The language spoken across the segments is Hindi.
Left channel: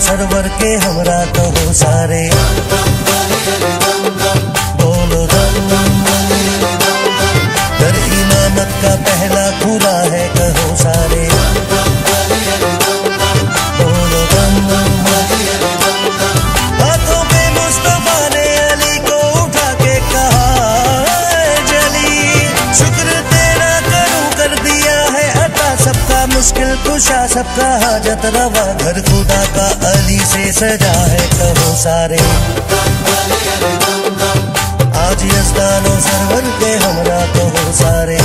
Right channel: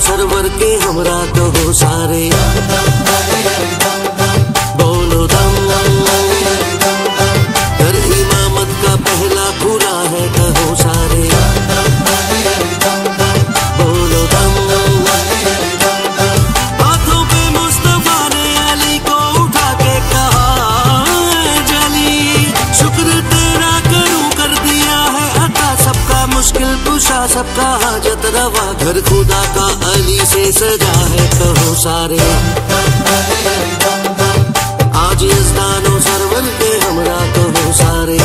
सरवर के हमरा तो हो सारे, बोलो दम। दर इमामत का पहला खुला है कहो सारे, बोलो दम। हाथों पे मुस्तफा ने अली को उठा के कहा जली, शुक्र तेरा करूं कर दिया है अता, सबका मुश्किल कुशा सबका हाजत रवा, घर खुदा का अली से सजा है कहो सारे। आज यज़दानो सरवर के हमरा तो हो सारे,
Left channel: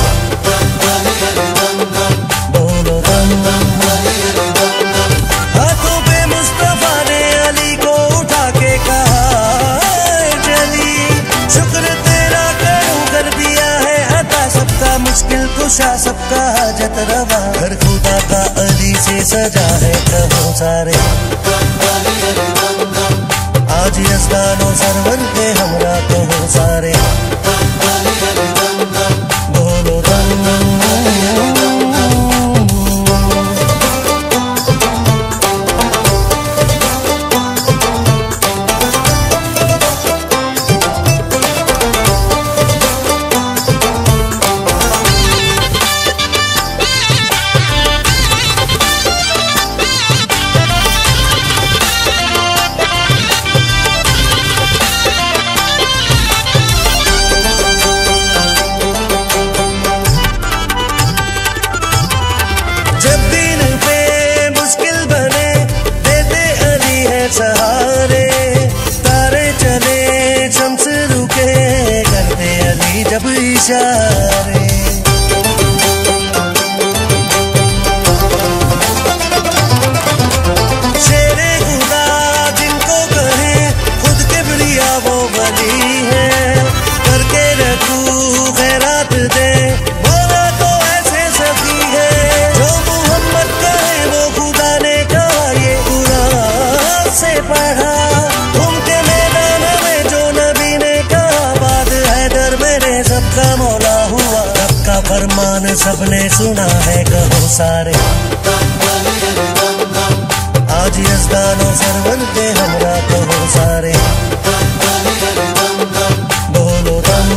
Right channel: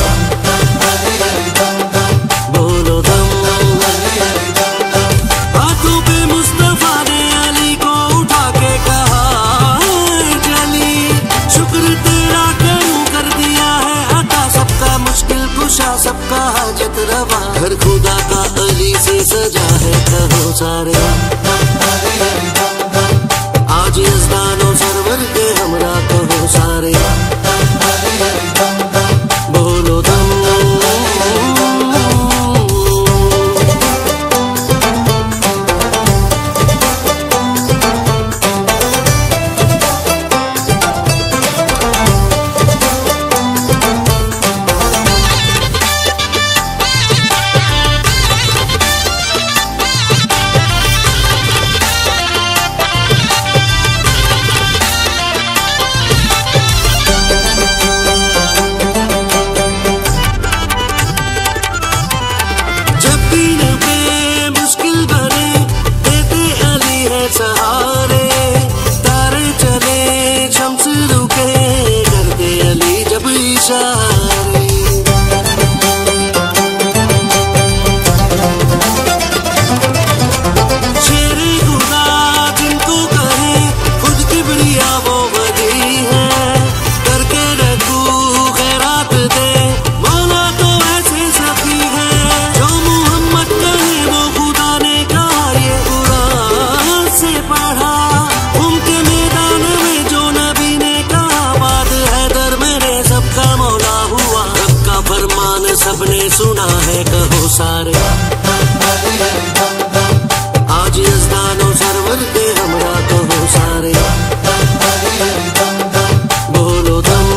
बोलो दम। हाथों पे मुस्तफा ने अली को उठा के कहा जली, शुक्र तेरा करूं कर दिया है अता, सबका मुश्किल कुशा सबका हाजत रवा, घर खुदा का अली से सजा है कहो सारे। आज यज़दानो सरवर के हमरा तो हो सारे, बोलो दम। सहारे तारे चले शम्स रुके, करते अली जब इशारे। शेरे खुदा जिनको कहे खुद किबरिया वो वली है, करके रखू खैरात दे बोला तो ऐसे सखी है, जो मोहम्मद कहे वो खुदा ने कहा ये कुरान से पढ़ा, उनके मैदान में जो नबी ने कहा, बात है दर मेरे सबका मौला हुआ, सबका फरमान सबने सुना है कहो सारे। आज यज़दानो सरवर के हमरा तो हो सारे, बोलो दम।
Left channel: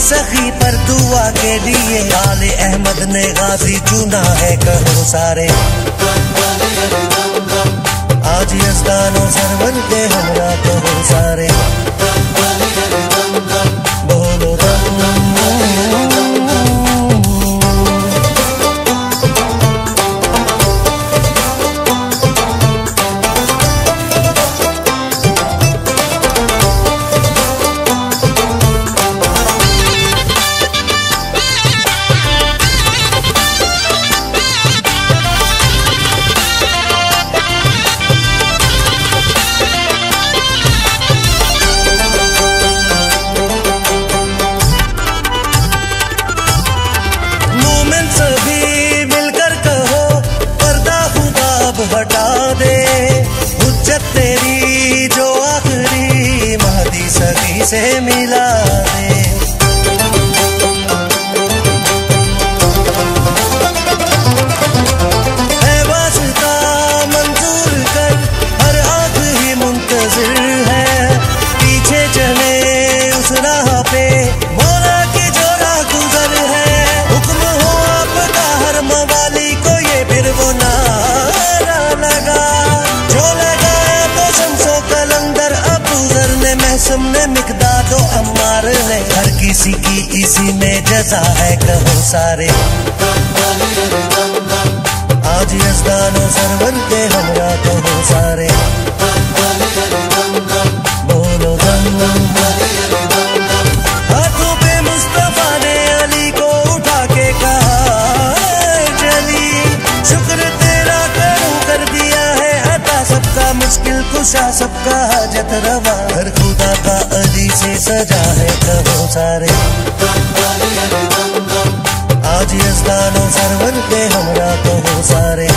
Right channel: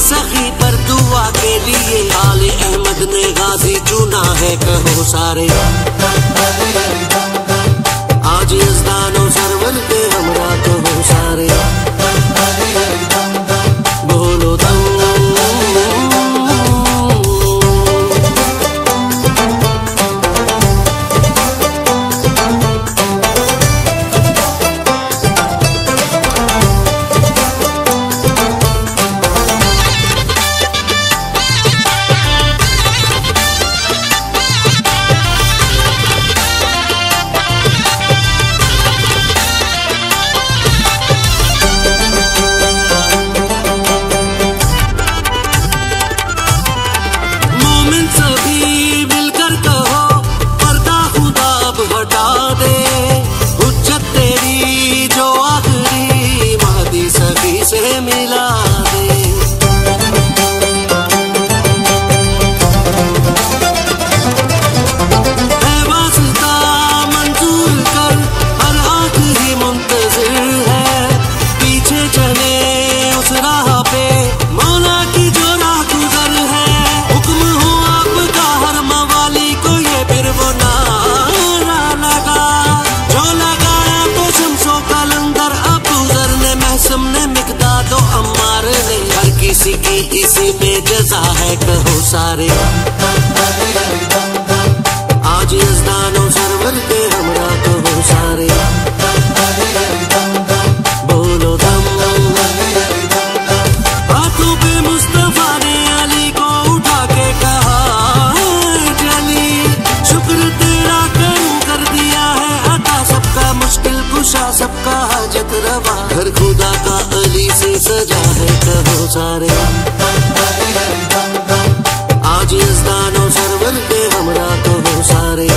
सखी पर दुआ के लिए आले अहमद ने गाजी चुना है कहो सारे। आज यज़दानो सरवर के हमरा तो हो सारे, बोलो दम। से मिला दे। ने मिकदाद व अम्मार ने, हर किसी की इसी में जजा है कहो सारे। आज यज़दान और सरवर के हमरा कहो सारे, बोलो दम। हाथों पे मुस्तफा ने अली को उठा के कहा जली, शुक्र तेरा करूं कर दिया है अता, सबका मुश्किल कुशा सबका हाजत रवा, हर खुदा का अली से सजा है कहो सारे। आज यज़दान और सरवर पे हमरा कहो सारे।